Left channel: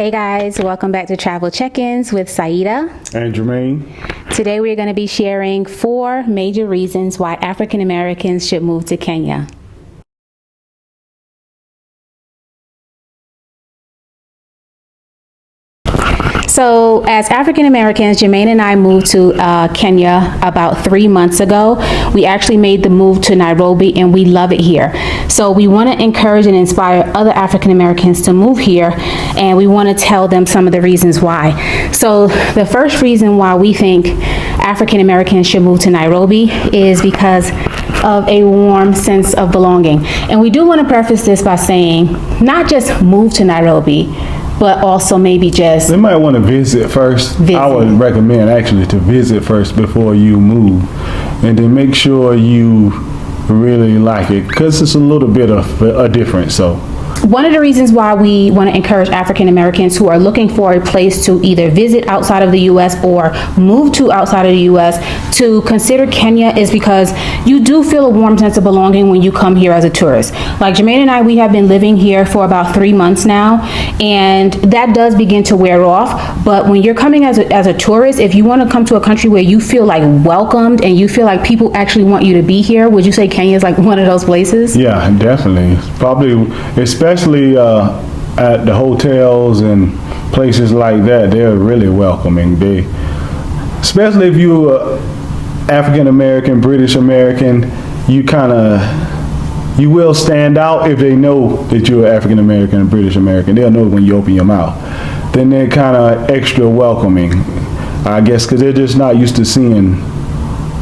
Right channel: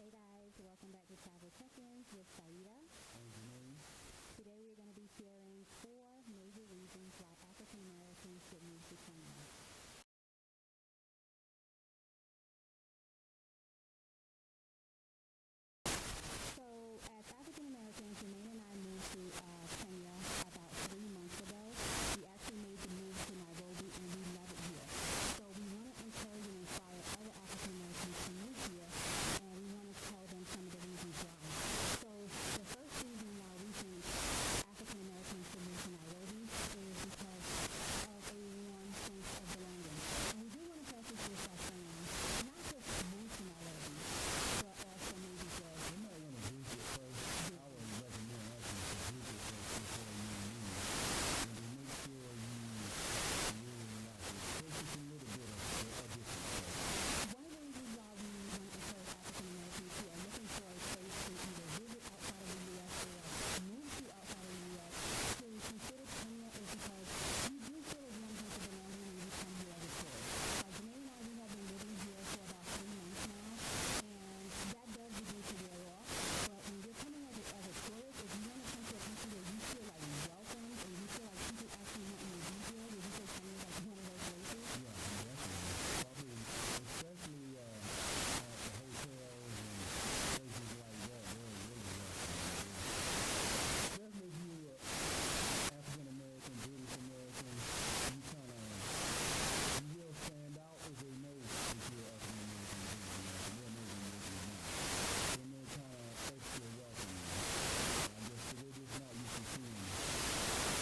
Hey guys, welcome back to Travel Check-ins with Saidah and Germaine. Today we're going to be sharing 4 major reasons why African Americans should move to Kenya. So as African Americans, Germaine and I moved to Kenya about 3 months ago. We actually made the move to Nairobi and we love it here. So we want to encourage and inspire other African Americans to move here, and we want to tell them some of the reasons why. So the first reason why we think African Americans should move to Nairobi is because of a warm sense of belonging. And we do want to preface this by saying not just move to Nairobi, but also maybe just... They might want to visit first. I would recommend actually to visit first before you move, and then make sure you really like it, because it's a little bit of a difference. So one of the reasons why we want to encourage African Americans who are looking for a place to either visit outside of the U.S. or move to outside of the U.S. to consider Kenya is because you do feel a warm sense of belonging when you come here as a tourist. Like Germaine and I, we have been living here for about 3 months now, and that does begin to wear off. But when you're coming as a tourist, if you want to come to a country where you feel like welcomed and you feel like people actually want you to be here, would you say Kenya is like one of those places? Yeah, definitely. Probably, especially at the hotels and places like that, they're really welcoming. Especially if you're African American, British American, you will stand out if they know that you're African American and British American. They'll know when you open your mouth. Then they're kind of extra welcoming, I guess, because they're just not used to seeing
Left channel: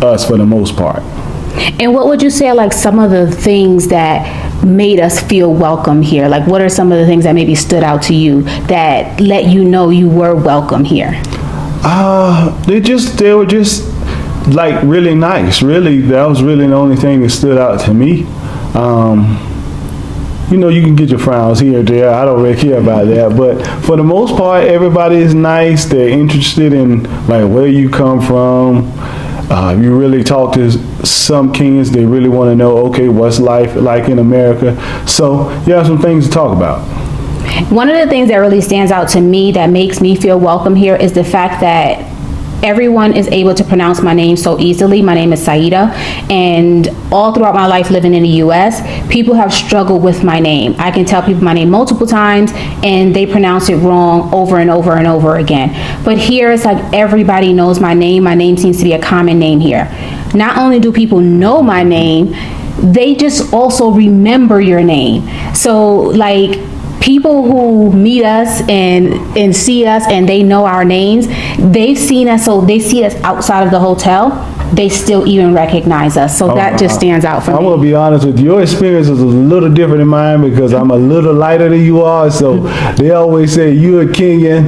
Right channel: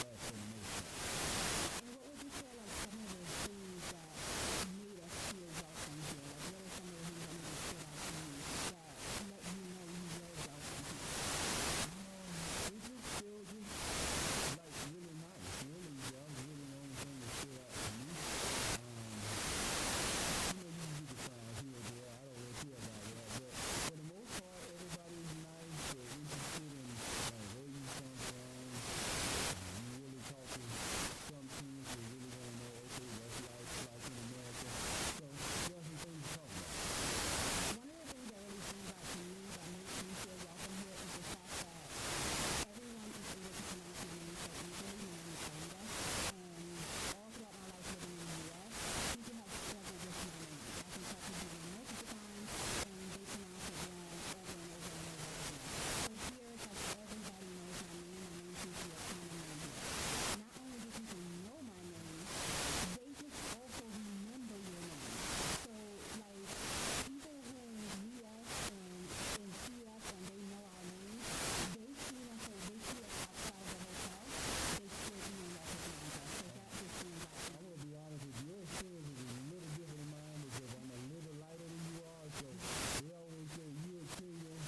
us for the most part. And what would you say are like some of the things that made us feel welcome here? Like, what are some of the things that maybe stood out to you that let you know you were welcome here? They were just like really nice. Really, that was really the only thing that stood out to me. You can get your frowns here or there. I don't really care about that. But for the most part, everybody is nice. They're interested in like where you come from. If you really talk to some Kenyans, they really want to know, okay, what's life like in America? So you have some things to talk about. One of the things that really stands out to me that makes me feel welcome here is the fact that everyone is able to pronounce my name so easily. My name is Saidah, and all throughout my life living in the U.S., people have struggled with my name. I can tell people my name multiple times, and they pronounce it wrong over and over and over again. But here, it's like everybody knows my name. My name seems to be a common name here. Not only do people know my name, they just also remember your name. So, like, people who meet us and see us and they know our names, they've seen us, so they see us outside of the hotel, they still even recognize us. So that just stands out for me. I'm going to be honest with you. Your experience is a little different than mine because I'm a little lighter than you are. So they always say, you're a Kenyan.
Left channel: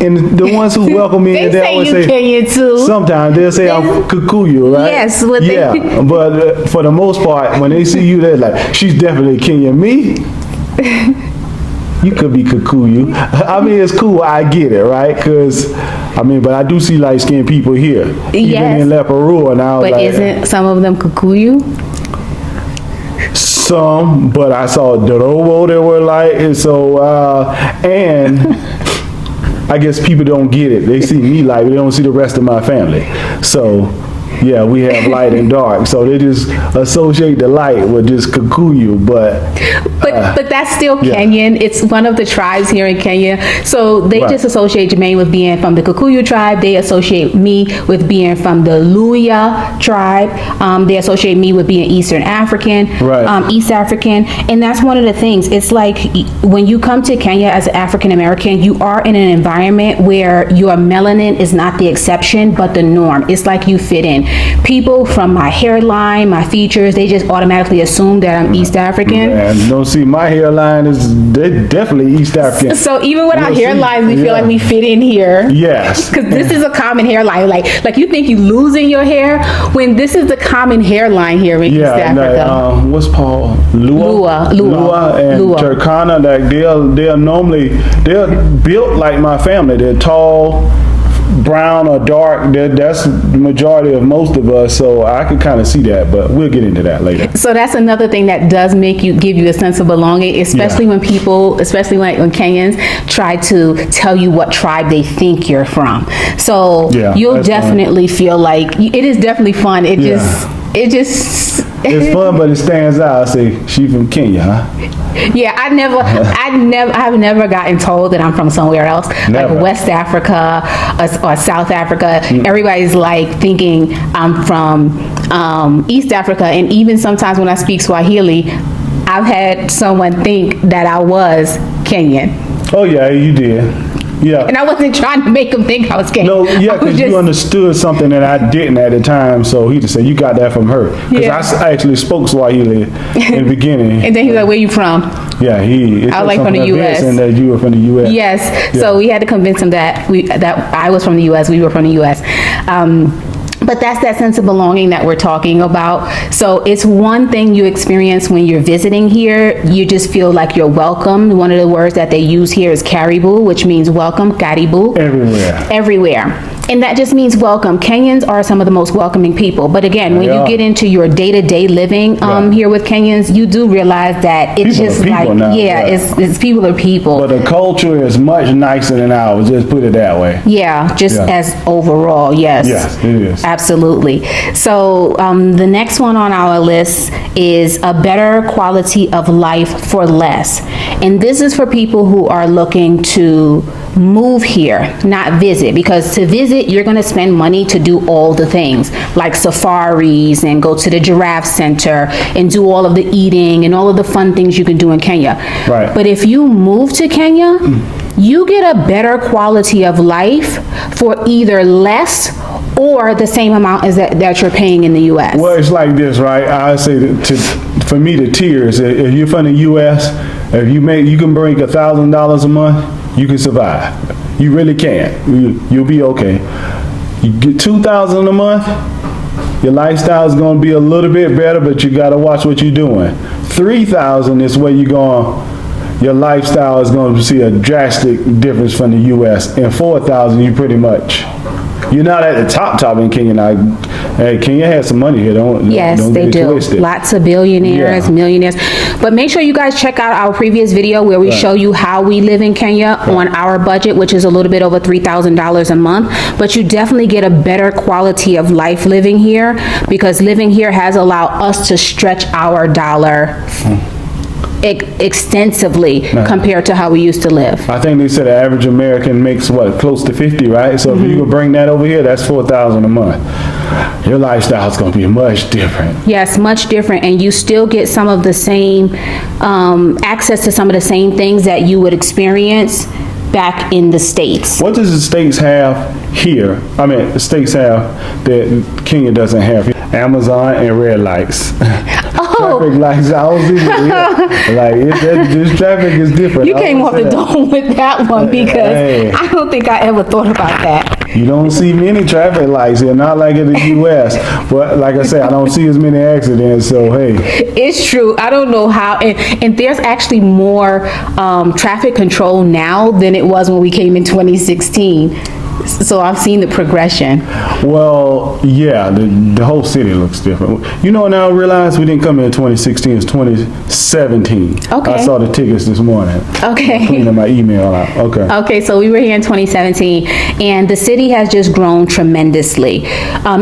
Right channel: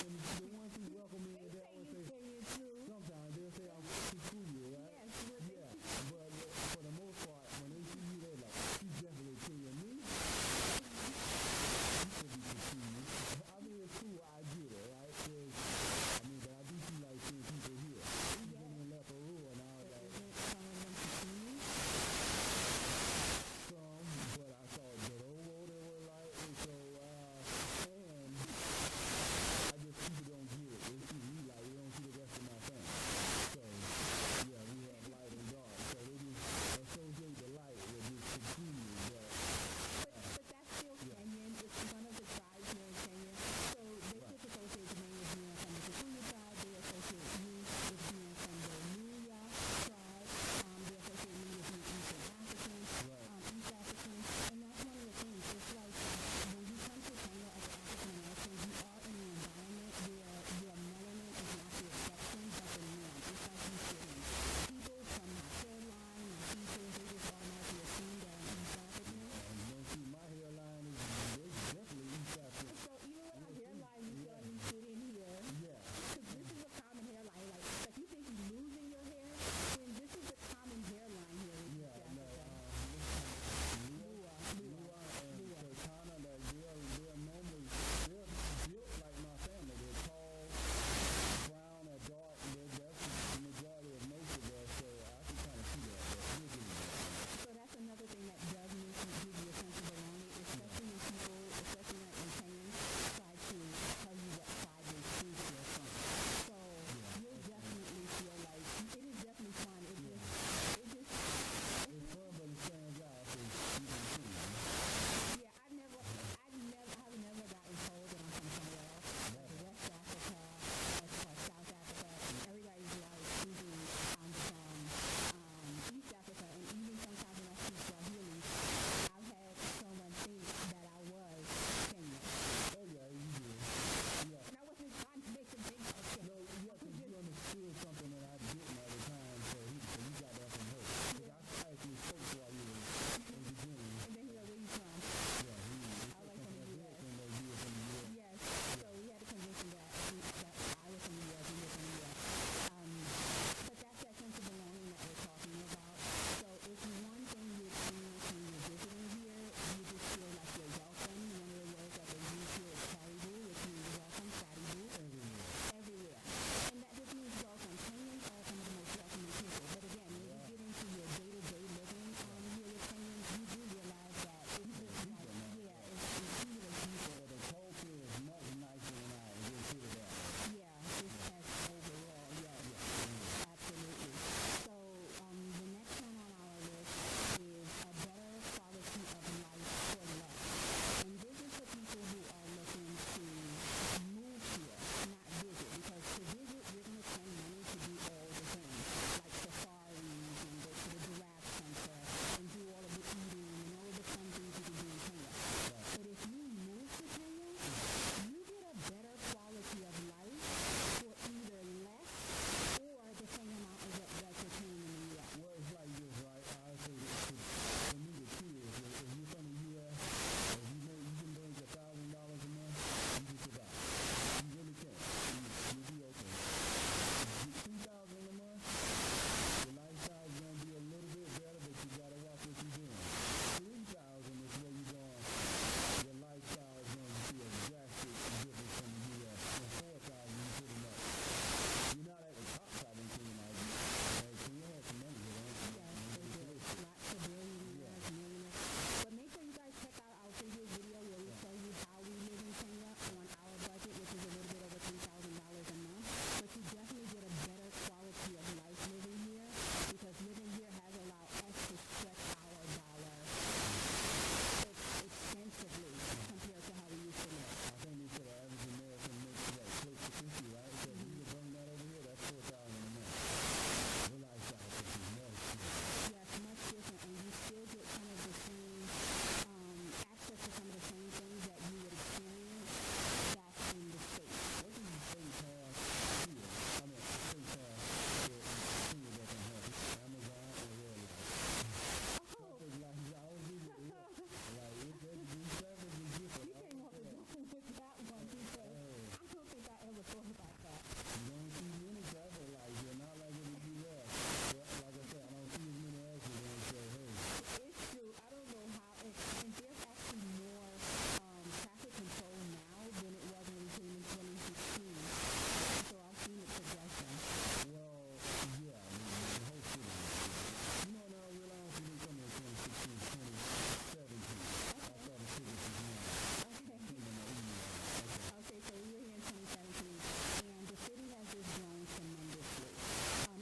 And the ones who welcome me, they always say Kenyan too. Sometimes they'll say I'm Kikuyu, right? Yes. But for the most part, when they see you, they're like, she's definitely Kenyan. Me? You could be Kikuyu. I mean, it's cool. I get it, right? Because, but I do see light-skinned people here. Even in Leparua now. But isn't some of them Kikuyu? Some, but I saw Dorobo that were light, and so, and I guess people don't get it. They see me light, but they don't see the rest of my family. So, yeah, we have light and dark, so they just associate the light with just Kikuyu, but that's still Kenyan. It's one of the tribes here in Kenya, so they just associate Germaine with being from the Kikuyu tribe. They associate me with being from the Luya tribe. They associate me with being Eastern African, East African, and that's one of the things. It's like when you come to Kenya as an African American, you are in an environment where your melanin is not the exception, but the norm. It's like you fit in. People from my hairline, my features, they just automatically assume that I'm East African. And don't see my hairline they're definitely East African. So even with our hairlines, we feel like we fit in here. Yes. Because this is a common hairline. Like you think you're losing your hair when this is the common hairline here in East Africa. What's Paul? Lua and Turkana, like they're built like my family. They're tall, brown or dark, that's the majority of most of us, so I could kind of see that, but we'll get into that later. So that's another thing that does give you a sense of belonging, especially when people, especially when Kenyans try to tell you what tribe they think you're from. So you'll definitely feel like, it is definitely fun. It's fun, but it stands out. I say, she from Kenya, huh? Yeah, I've never gotten told that I'm from somewhere else, Never. like West Africa or South Africa. Everybody's like thinking I'm from East Africa, and even sometimes when I speak Swahili, I've had someone think that I was Kenyan. Oh yeah, you did. Yeah. And I wasn't trying to make them think I was Kenyan. No, yeah, because you understood something that I didn't at the time, so he just said, you got that from her. Because I actually spoke Swahili in the beginning. And then he was like, where you from? Yeah, I was like, from the U.S. And that you were from the U.S. Yes, so we had to convince him that I was from the U.S., we were from the U.S. But that's that sense of belonging that we're talking about. So it's one thing you experience when you're visiting here. You just feel like you're welcome. One of the words that they use here is karibu, which means welcome, karibu. Everywhere. And that just means welcome. Kenyans are some of the most welcoming people. But again, when you get into your day-to-day living here with Kenyans, you do realize that it's people just like, now, yeah, it's people are people. But the culture is much nicer than ours, just put it that way. Yeah, as overall, yes. Yes, it is. Absolutely. So the next one on our list is a better quality of life for less. And this is for people who are looking to move here, not visit, because to visit, you're going to spend money to do all the things like safaris and go to the giraffe center and do all of the eating and all of the fun things you can do in Kenya. Right. But if you move to Kenya, you get a better quality of life for either less or the same amount as that you're paying in the U.S. Well, it's like this, right? I say for me, the tiers. If you're from the U.S., if you can bring $1,000 a month, you can survive. You really can. You'll be okay. You get $2,000 a month, your lifestyle is going to be a little bit better, but you got to watch what you're doing. $3,000 is where you're going. Your lifestyle is going to see a drastic difference from the U.S. And $4,000, you pretty much. You're not at the top in Kenya. Now, Kenya has some money here. Don't they get do. Twisted. Lots of billionaires, millionaires. But make sure you guys check out our previous video where we show you how we live in Kenya on our budget, which is a little bit over $3,000 a month. But you definitely get a better quality of life living here, because living here has allowed us to stretch our dollar extensively compared to how we used to live. I think they said the average American makes close to 50, right? So if you could bring that over here, that's $4,000 a month. Your lifestyle is going to be much different. Yes, much different, and you still get some of the same access to some of the same things that you would experience back in the States. What does the States have here? I mean, the States have that Kenya doesn't have. Amazon and red lights. Traffic lights. I was even, this traffic is different. You came off the dome with that one, because I don't think I ever thought about that. You don't see many traffic lights here, not like in the U.S. But like I said, I don't see as many accidents, so hey. It's true. I don't know how, and there's actually more traffic control now than it was when we came in 2016. So I've seen the progression. Well, yeah, the whole city looks different. You know, now I realize we didn't come in 2016, it's 2017. Okay. I saw the tickets this morning. Okay. I'm cleaning my email out. Okay. Okay, so we were here in 2017, and the city has just grown tremendously.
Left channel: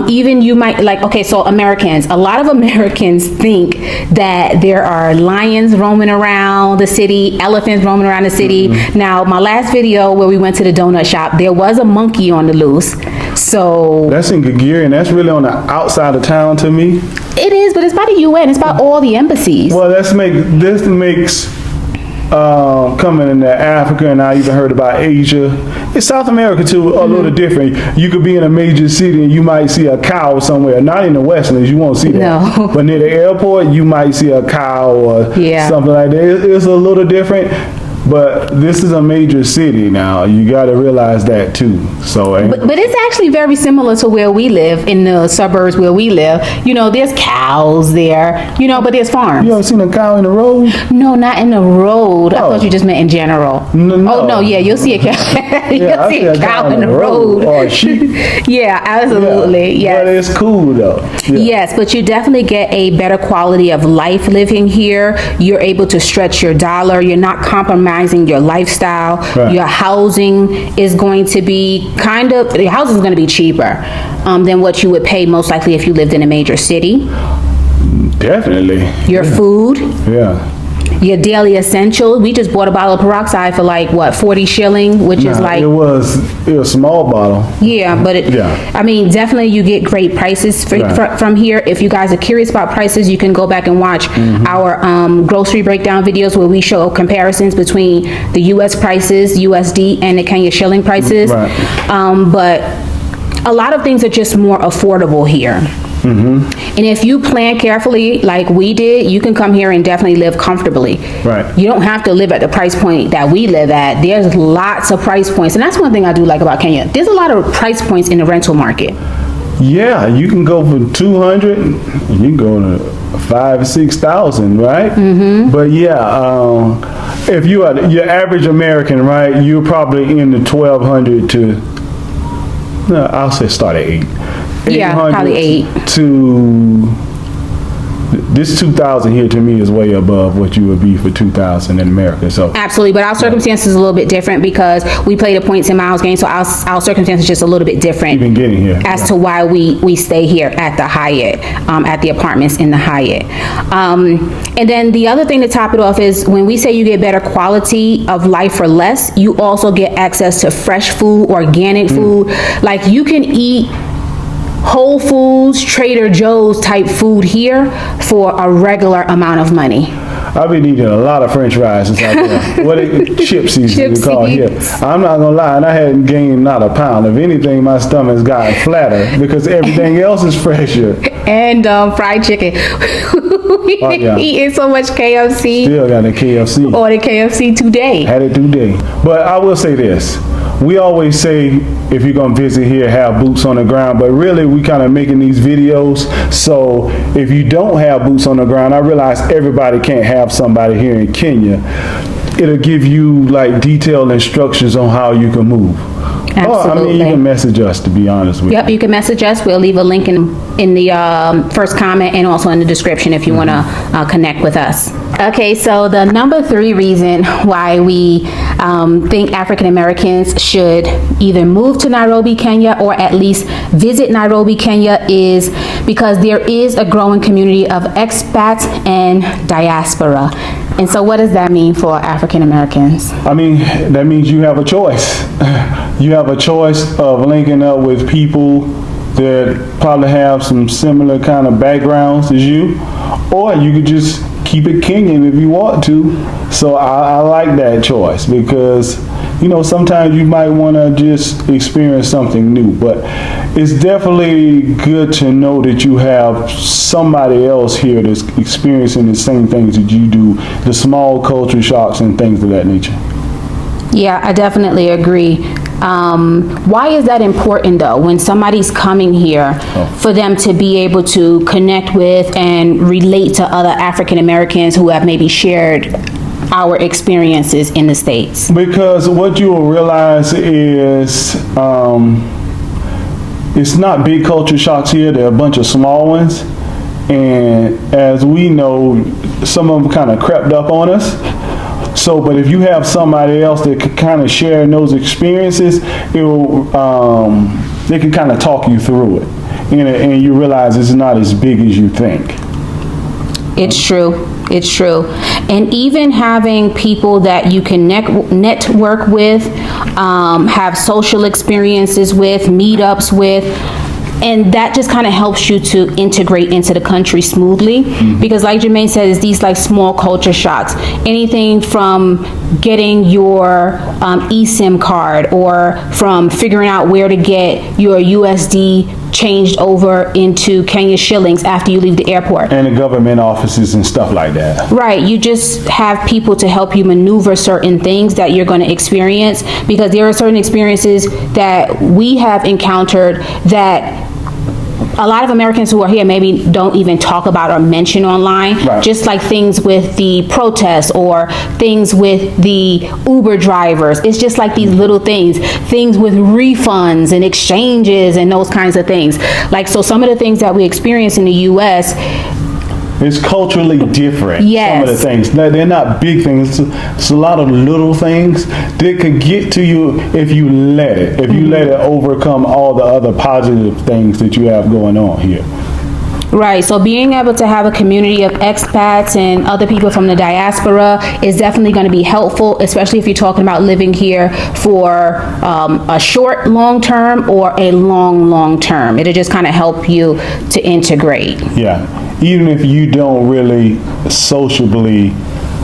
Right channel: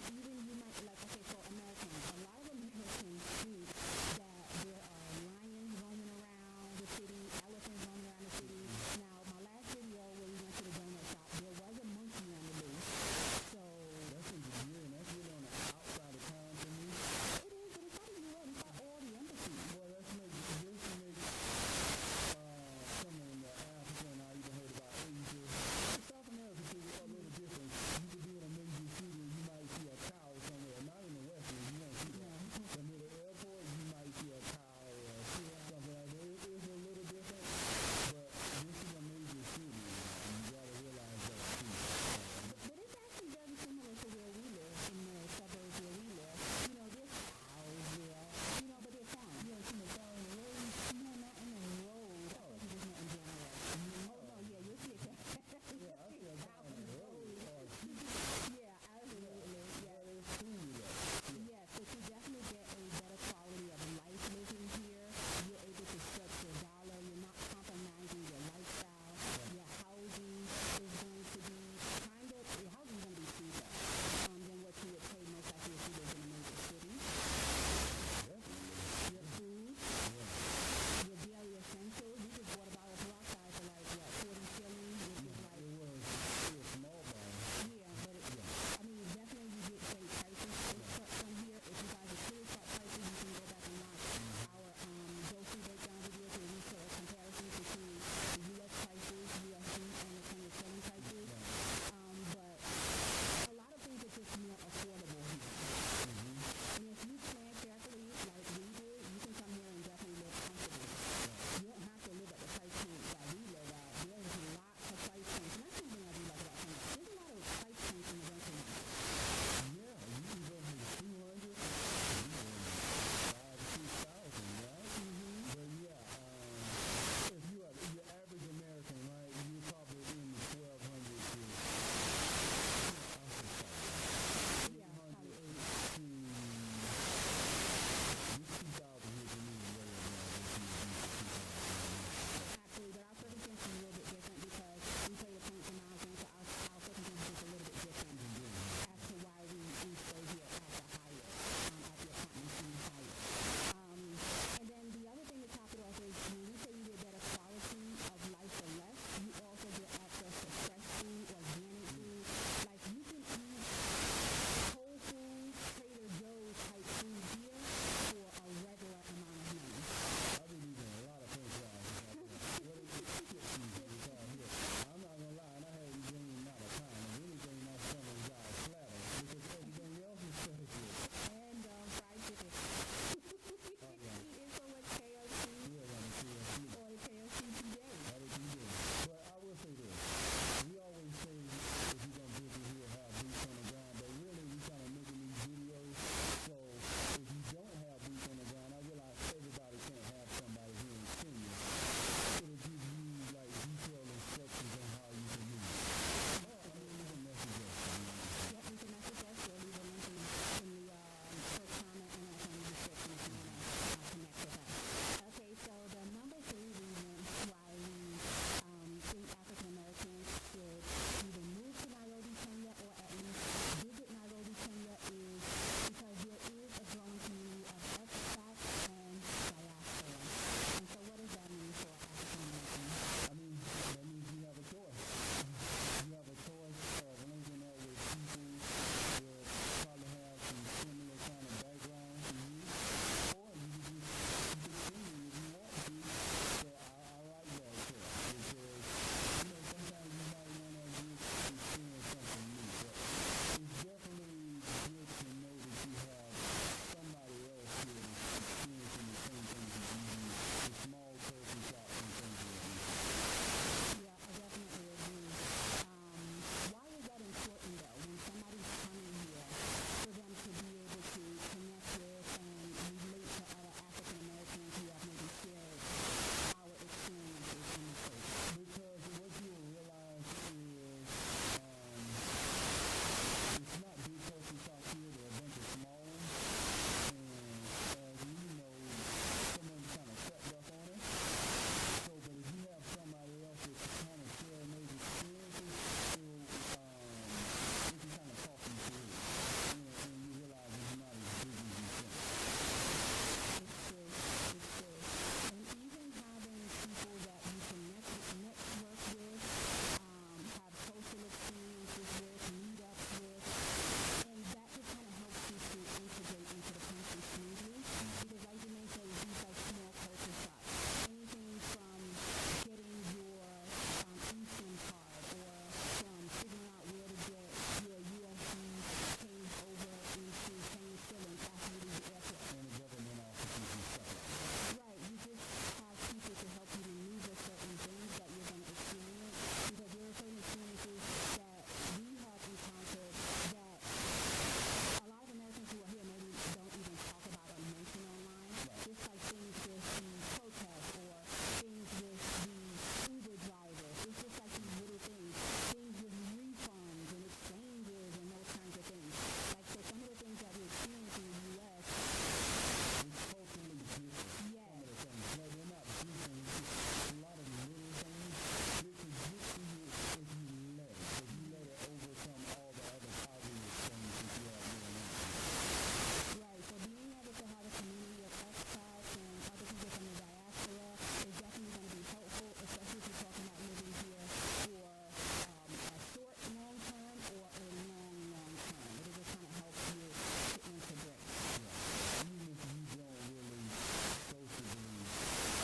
Even you might, so Americans, a lot of Americans think that there are lions roaming around the city, elephants roaming around the city. Now, my last video where we went to the donut shop, there was a monkey on the loose. So that's in Gagiri, and that's really on the outside of town to me. It is, but it's by the UN. It's by all the embassies. Well, this makes coming into Africa, and I even heard about Asia. It's South America too, a little different. You could be in a major city and you might see a cow somewhere. Not in the Westlands, you won't see that. No. But near the airport, you might see a cow or something like that. It's a little different. But this is a major city now. You got to realize that too. So, But it's actually very similar to where we live, in the suburbs where we live. You know, there's cows there, you know, but there's farms. you ever seen a cow in the road? No, not in the road. I thought you just meant in general. No. Oh, no, yeah, you'll see a cow. You'll I see see a cow in the road. Or a sheep. Yeah, absolutely. Yeah. Yes. But it's cool though. Yeah. Yes, but you definitely get a better quality of life living here. You're able to stretch your dollar. You're not compromising your lifestyle. Right. Your housing is going to be your housing is going to be cheaper than what you would pay most likely if you lived in a major city. Definitely. Your food. Yeah. Your daily essentials. We just bought a bottle of peroxide for like, what, 40 shilling, which is like... It was a small bottle. Yeah, but I mean, definitely you get great prices from here. If you guys are curious about prices, you can go back and watch our grocery breakdown videos where we show comparisons between the U.S. prices, USD, and the Kenya shilling prices. Right. But a lot of things are just more affordable here. And if you plan carefully like we did, you can come here and definitely live comfortably. Right. You don't have to live at the price point that we live at. There's lots of price points. And that's one thing I do like about Kenya. There's a lot of price points in the rental market. Yeah, you can go for 200, and you can go to 5,000 or 6,000, right? But yeah, if you are your average American, right, you're probably in the 1,200 to, no, I'll say start at 8. Yeah, probably 8. To this 2,000 here to me is way above what you would be for 2,000 in America. So absolutely, but our circumstances are a little bit different because we play the points and miles game, so our circumstances are just a little bit different. Even getting here as to why we stay here at the Hyatt, at the apartments in the Hyatt. And then the other thing to top it off is when we say you get better quality of life for less, you also get access to fresh food, organic food. Like you can eat Whole Foods, Trader Joe's type food here for a regular amount of money. I've been eating a lot of French fries since I've been. What chipsies we call here. I'm not gonna lie, and I hadn't gained not a pound. If anything, my stomach's gotten flatter because everything else is fresher. And fried chicken. Eating so much KFC. Still got the KFC. Ordered KFC today. Had it today. But I will say this. We always say if you're going to visit here, have boots on the ground, but really we kind of making these videos. So if you don't have boots on the ground, I realize everybody can't have somebody here in Kenya. It'll give you like detailed instructions on how you can move. Absolutely. I mean, you can message us, to be honest with you. Yep, you can message us. We'll leave a link in the first comment and also in the description if you want to connect with us. Okay, so the number 3 reason why we think African Americans should either move to Nairobi, Kenya, or at least visit Nairobi, Kenya is because there is a growing community of expats and diaspora. And so what does that mean for African Americans? I mean, that means you have a choice. You have a choice of linking up with people that probably have some similar kind of backgrounds as you, or you could just keep it Kenyan if you want to. So I like that choice because, you know, sometimes you might want to just experience something new, but it's definitely good to know that you have somebody else here that's experiencing the same things that you do, the small culture shocks and things of that nature. Yeah, I definitely agree. Why is that important though, when somebody's coming here, for them to be able to connect with and relate to other African Americans who have maybe shared our experiences in the States? Because what you will realize is it's not big culture shocks here, there are a bunch of small ones. And as we know, some of them kind of crept up on us. So, but if you have somebody else that could kind of share in those experiences, it will, they can kind of talk you through it. And you realize it's not as big as you think. It's true. It's true. And even having people that you can network with, have social experiences with, meetups with, and that just kind of helps you to integrate into the country smoothly. Because like Germaine said, it's these like small culture shocks. Anything from getting your eSIM card, or from figuring out where to get your USD changed over into Kenya shillings after you leave the airport. And the government offices and stuff like that. Right, you just have people to help you maneuver certain things that you're going to experience, because there are certain experiences that we have encountered that a lot of Americans who are here maybe don't even talk about or mention online. Right. Just like things with the protests or things with the Uber drivers. It's just like these little things with refunds and exchanges and those kinds of things. Like, so some of the things that we experience in the U.S., it's culturally different. Yes. Some of the things. Now, they're not big things. It's a lot of little things that could get to you if you let it. If you let it overcome all the other positive things that you have going on here. right, so being able to have a community of expats and other people from the diaspora is definitely going to be helpful, especially if you're talking about living here for a short long term or a long term. It'll just kind of help you to integrate. Yeah. Even if you don't really sociably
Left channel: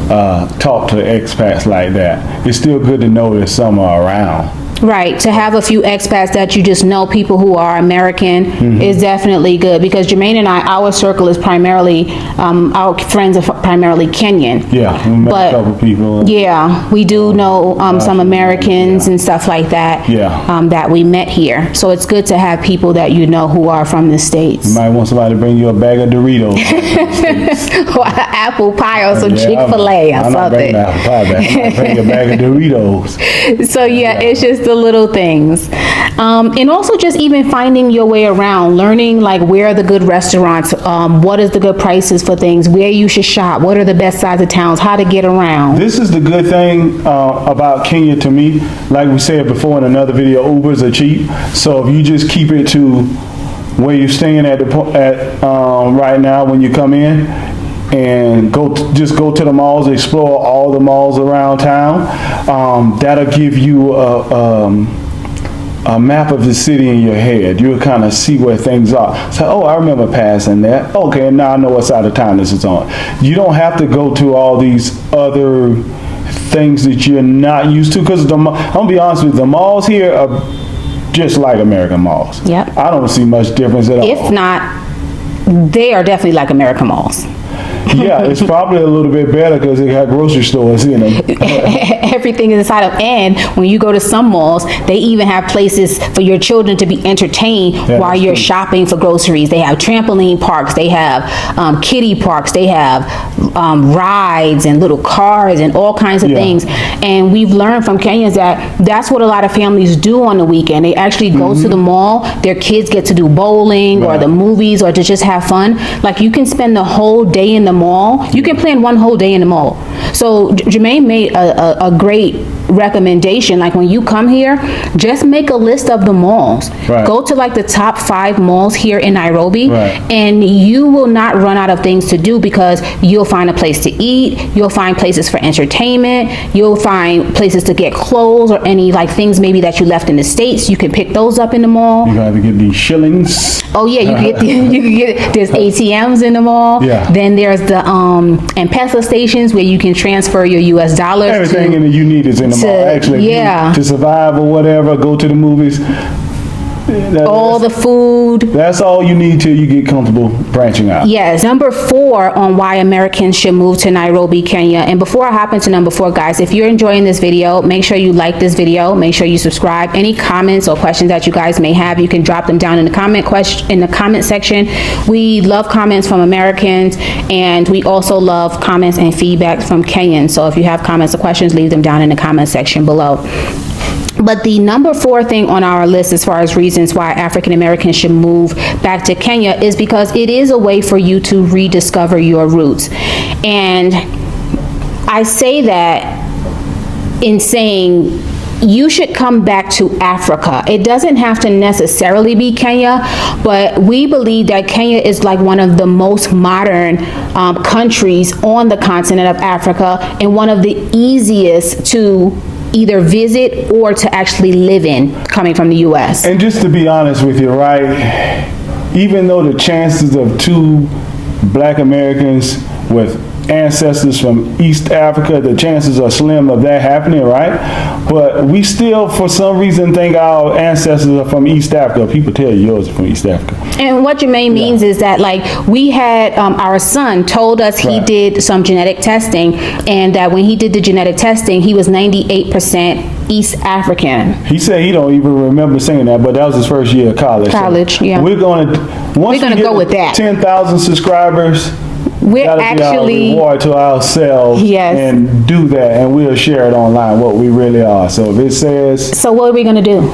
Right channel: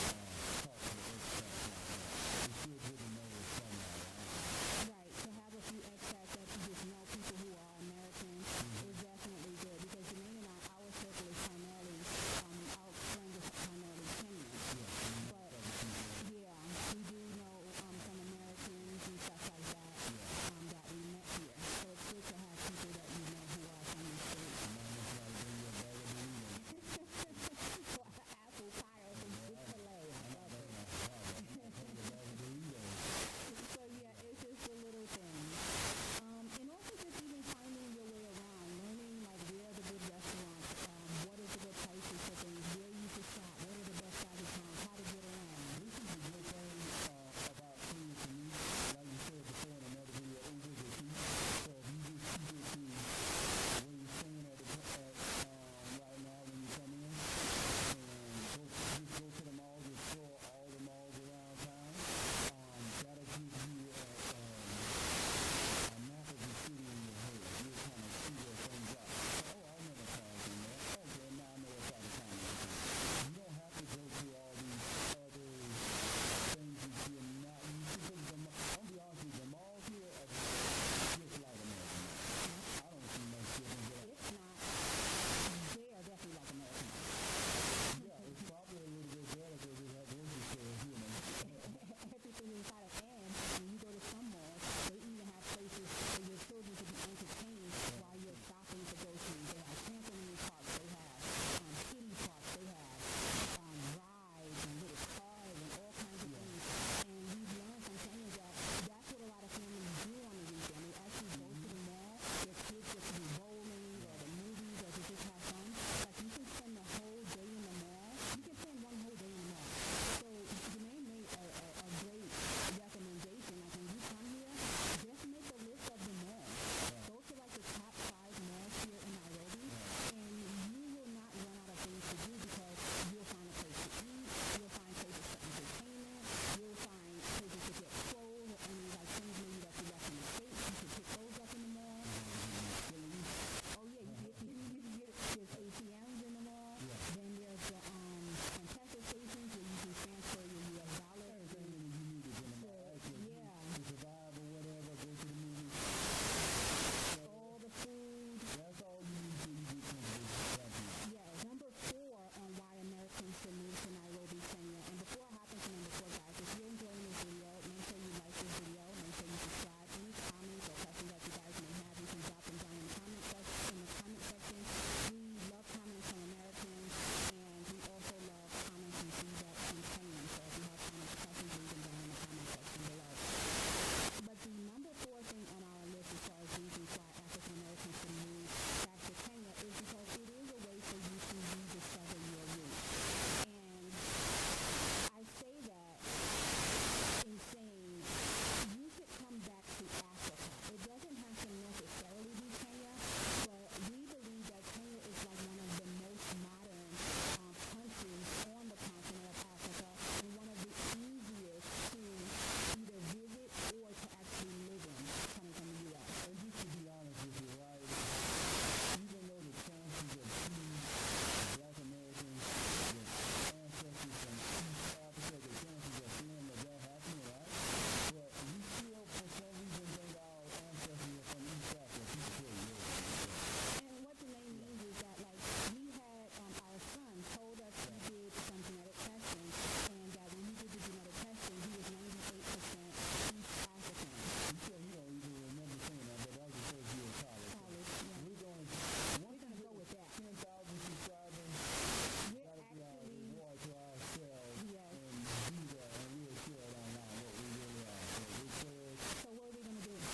talk to expats like that, it's still good to know that some are around. Right, to have a few expats that you just know, people who are American, is definitely good, because Germaine and I, our circle is primarily, our friends are primarily Kenyan. Yeah, we met But- a couple people. Yeah, we do know some Americans and stuff like that, Yeah. that we met here. So it's good to have people that you know who are from the States. You might want somebody to bring you a bag of Doritos. Or apple pie or some Yeah, Chick-fil-A or I'm not bringing something. the apple pie back. I'm gonna bring you a bag of Doritos. So yeah, it's just the little things. And also just even finding your way around, learning like where are the good restaurants, what is the good prices for things, where you should shop, what are the best sides of towns, how to get around. This is the good thing about Kenya to me. Like we said before in another video, Ubers are cheap. So if you just keep it to where you're staying at right now when you come in, and just go to the malls, explore all the malls around town. That'll give you a map of the city in your head. You'll kind of see where things are. So, oh, I remember passing that. Okay, now I know what side of town this is on. You don't have to go to all these other things that you're not used to, because I'm gonna be honest with you, the malls here are just like American malls. Yep. I don't see much difference at all. If not, they are definitely like American malls. Yeah, it's probably a little bit better because they got grocery stores in them. Everything is inside of, and when you go to some malls, they even have places for your children to be entertained while you're shopping for groceries. They have trampoline parks, they have kiddie parks, they have rides and little cars and all kinds of things. And we've learned from Kenyans that that's what a lot of families do on the weekend. They actually go to the mall, their kids get to do bowling or the movies or to just have fun. Like, you can spend the whole day in the mall. You can plan one whole day in the mall. So Germaine made a great recommendation. Like, when you come here, just make a list of the malls. Right. Go to like the top 5 malls here in Nairobi, Right. and you will not run out of things to do, because you'll find a place to eat, you'll find places for entertainment, you'll find places to get clothes or any like things maybe that you left in the States. You can pick those up in the mall. You got to get these shillings. Oh yeah, you can get you can get, there's ATMs in the mall. Yeah. Then there's the M-Pesa stations where you can transfer your US dollars. Everything to, you need is in the mall. Actually, yeah. to survive or whatever, go to the movies. all the food. That's all you need till you get comfortable branching out. Yes. Number 4 on why Americans should move to Nairobi, Kenya. And before I hop into number 4, guys, if you're enjoying this video, make sure you like this video. Make sure you subscribe. Any comments or questions that you guys may have, you can drop them down in the comment section. We love comments from Americans, and we also love comments and feedback from Kenyans. So if you have comments or questions, leave them down in the comment section below. But the number 4 thing on our list as far as reasons why African Americans should move back to Kenya is because it is a way for you to rediscover your roots. And I say that in saying you should come back to Africa. It doesn't have to necessarily be Kenya, but we believe that Kenya is like one of the most modern countries on the continent of Africa, and one of the easiest to either visit or to actually live in, coming from the U.S. And just to be honest with you, right, even though the chances of 2 black Americans with ancestors from East Africa, the chances are slim of that happening, right? But we still, for some reason, think our ancestors are from East Africa. People tell you yours are from East Africa. And what Germaine means is that, like, we had our son told us he Right. did some genetic testing, and that when he did the genetic testing, he was 98% East African. He said he don't even remember saying that, but that was his first year of college. College, yeah. We're gonna once We're gonna we get go with that. 10,000 subscribers. We're That'll be our actually, reward to ourselves. Yes. And do that, and we'll share it online what we really are. So if it says, so what are we gonna do?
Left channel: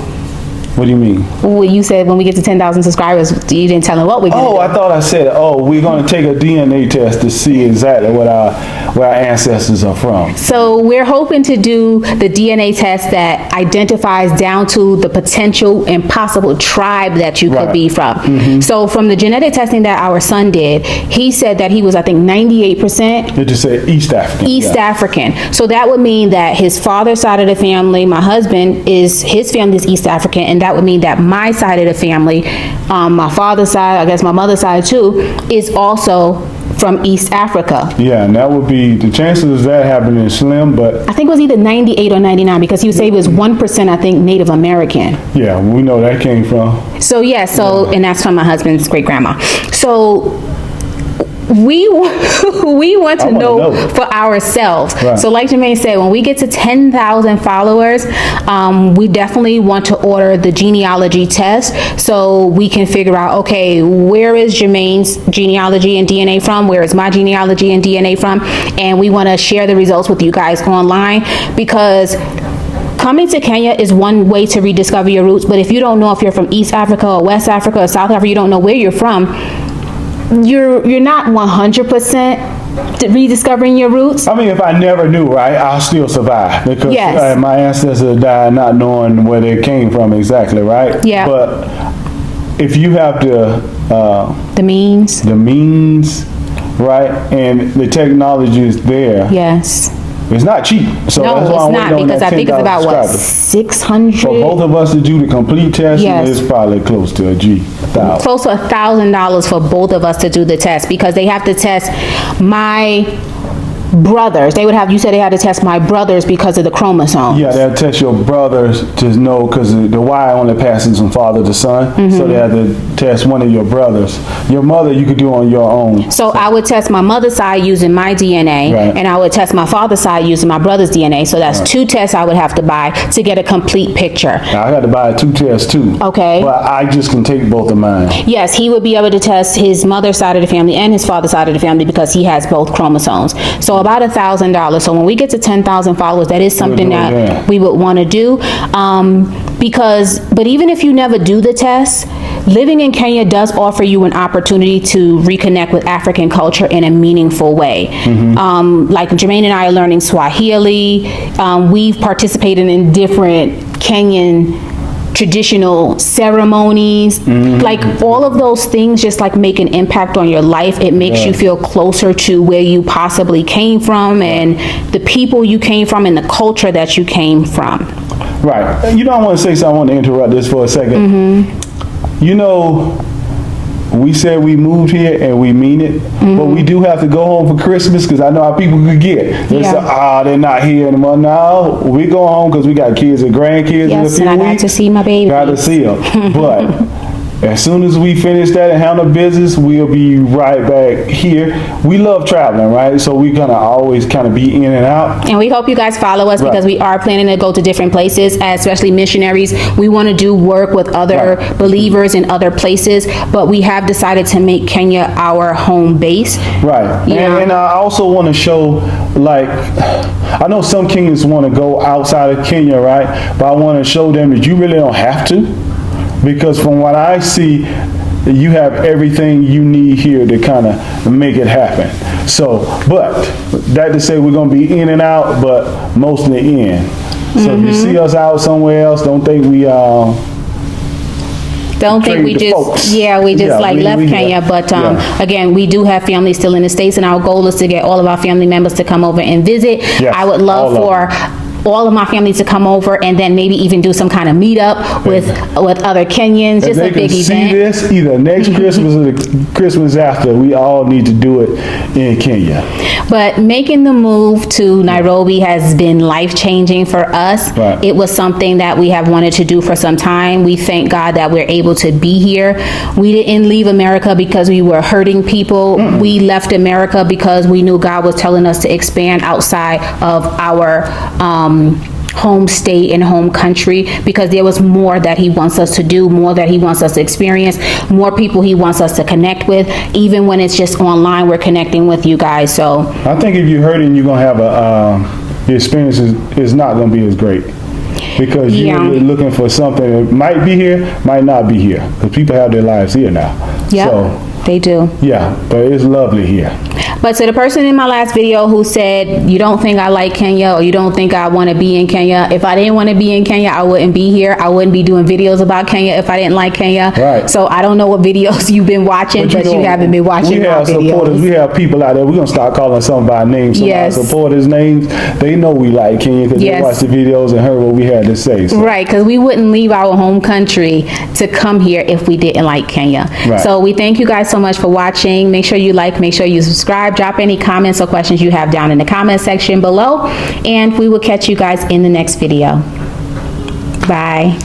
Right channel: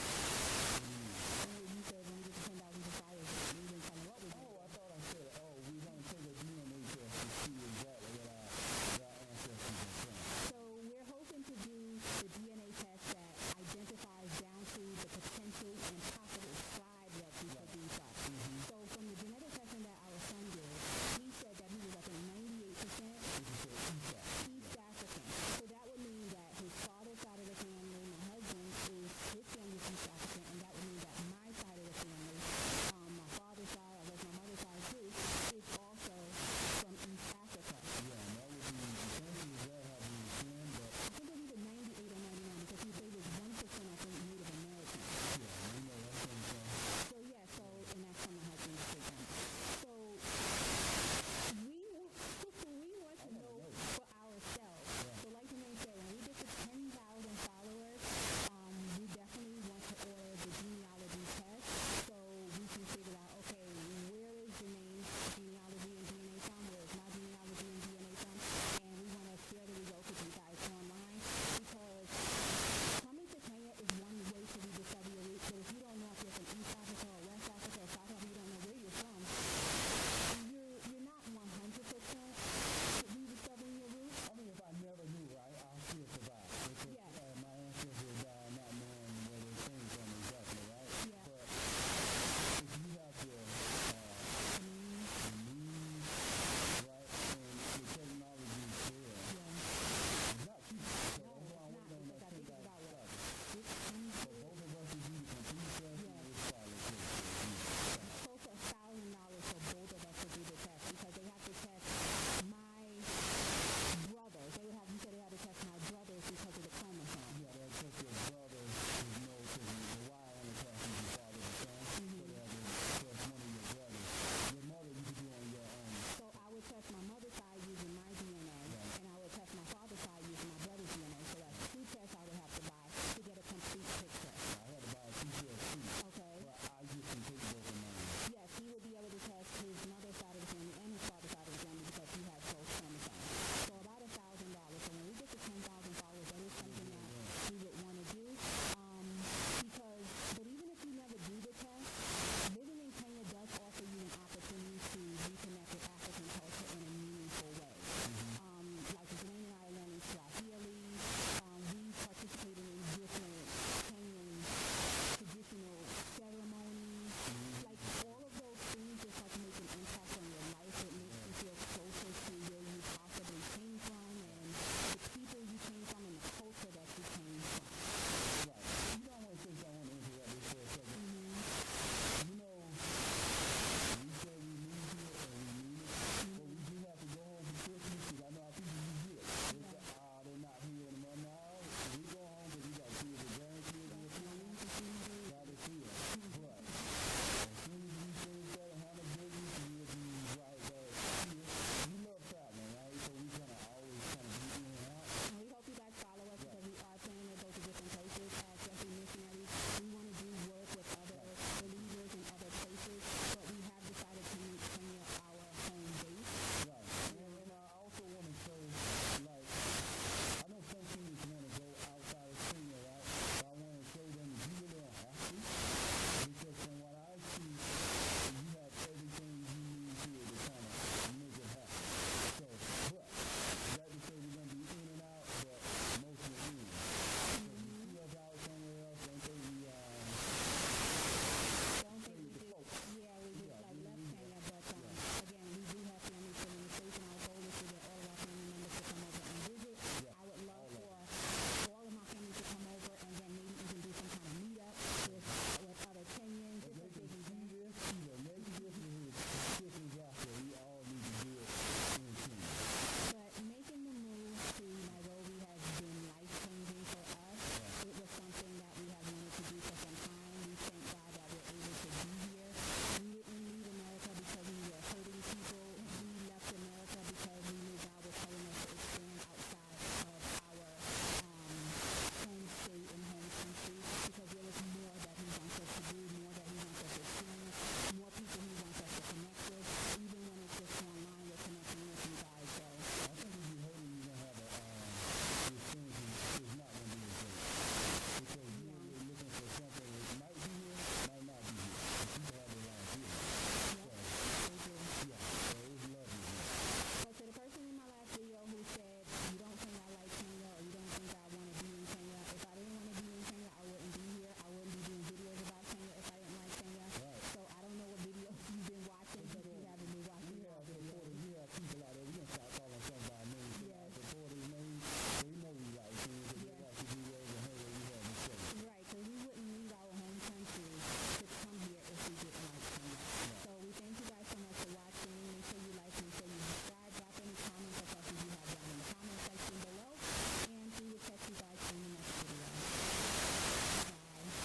what do you mean? Well, you said when we get to 10,000 subscribers, you didn't tell them what we're gonna Oh, do. I thought I said, we're going to take a DNA test to see exactly where our ancestors are from. So we're hoping to do the DNA test that identifies down to the potential and possible tribe that you could Right. be from. So from the genetic testing that our son did, he said that he was, I think, 98% It just said East African. East yeah. African. So that would mean that his father's side of the family, my husband, his family is East African, and that would mean that my side of the family, my father's side, I guess my mother's side too, is also from East Africa. Yeah, and that would be, the chances of that happening is slim, but I think it was either 98 or 99 because he would say he was 1%, I think, Native American. yeah, we know that came from. So yeah, and that's from my husband's great grandma. So we want to I wanna know know. for ourselves. Right. So like Germaine said, when we get to 10,000 followers, we definitely want to order the genealogy test so we can figure out, okay, where is Germaine's genealogy and DNA from? Where is my genealogy and DNA from? And we want to share the results with you guys online, because coming to Kenya is one way to rediscover your roots, but if you don't know if you're from East Africa or West Africa or South Africa, you don't know where you're from, you're not 100% rediscovering your roots. I mean, if I never knew, right, I'll still survive because Yes. my ancestors died not knowing where they came from exactly, right? Yeah. But if you have The means. the means, right, and the technology is there, Yes. it's not cheap. So No, that's why it's I'm not, waiting on because that I think it's 10,000 about, what, subscribers. 600? For both of us to do the complete test, Yes. it's probably close to $1,000. Close to $1,000 for both of us to do the test, because they have to test my brothers. You said they had to test my brothers because of the chromosomes. Yeah, they'll test your brothers to know, because the Y only passes from father to son. Mm-hmm. So they have to test one of your brothers. Your mother, you could do on your own. So I would test my mother's side using my DNA, Right. and I would test my father's side using my brother's DNA. So that's 2 tests I would have to buy to get a complete picture. Now, I got to buy 2 tests too. Okay. But I just can take both of mine. Yes, he would be able to test his mother's side of the family and his father's side of the family because he has both chromosomes. So about $1,000. So when we get to 10,000 followers, that is something do it, that yeah. we would want to do. But even if you never do the test, living in Kenya does offer you an opportunity to reconnect with African culture in a meaningful way. Like Germaine and I are learning Swahili. We've participated in different Kenyan traditional ceremonies, like all of those things just like make an impact on your life. It makes you feel closer to where you possibly came from and the people you came from and the culture that you came from. Right. You know, I want to say something. I want to interrupt this for a second. You know, we said we moved here and we mean it, but we do have to go home for Christmas, because I know how people could get. They say, they're not here anymore. No, we go home because we got kids and grandkids in a Yes, few and I got weeks. to see my baby. Got to see them. But as soon as we finish that and handle business, we'll be right back here. We love traveling, right? So we're going to always kind of be in and out. And we hope you guys follow us because we are planning to go to different places, especially missionaries. We want to do work with other Right. believers in other places, but we have decided to make Kenya our home base. Right. Yeah. And I also want to show, like, I know some Kenyans want to go outside of Kenya, right? But I want to show them that you really don't have to. Because from what I see, you have everything you need here to kind of make it happen. So, but that to say we're going to be in and out, but mostly in. So if you see us out somewhere else, don't think we Don't think we Trade the just, folks. we Yeah, left we- Kenya, but again, we do have family still in the States, and our goal is to get all of our family members to come over and visit. Yes, I would love all of for all of my family to come over and then maybe even do some kind of meetup with other Kenyans, just a If they big can see event. this either next Christmas or the Christmas after, we all need to do it in Kenya. But making the move to Nairobi has been life-changing for us. Right. It was something that we have wanted to do for some time. We thank God that we're able to be here. We didn't leave America because we were hurting people. We left America because we knew God was telling us to expand outside of our home state and home country, because there was more that he wants us to do, more that he wants us to experience, more people he wants us to connect with. Even when it's just online, we're connecting with you guys. So I think if you're hurting, you're gonna have the experience is not gonna be as great, because you're looking for something that might be here, might not be here, because people have their lives here now. yeah, So, they do. yeah, but it's lovely here. But to the person in my last video who said, you don't think I like Kenya, or you don't think I want to be in Kenya, if I didn't want to be in Kenya, I wouldn't be here. I wouldn't be doing videos about Kenya if I didn't like Kenya. Right. So I don't know what videos you've been watching, but you haven't been watching we my have supporters. videos. We have people out there. We're going to start calling some of our names. Some Yes. of our supporters' names. They know we like Kenya because Yes. they watched the videos and heard what we had to say. So. Right, because we wouldn't leave our home country to come here if we didn't like Kenya. Right. So we thank you guys so much for watching. Make sure you like, make sure you subscribe, drop any comments or questions you have down in the comment section below, and we will catch you guys in the next video. Bye.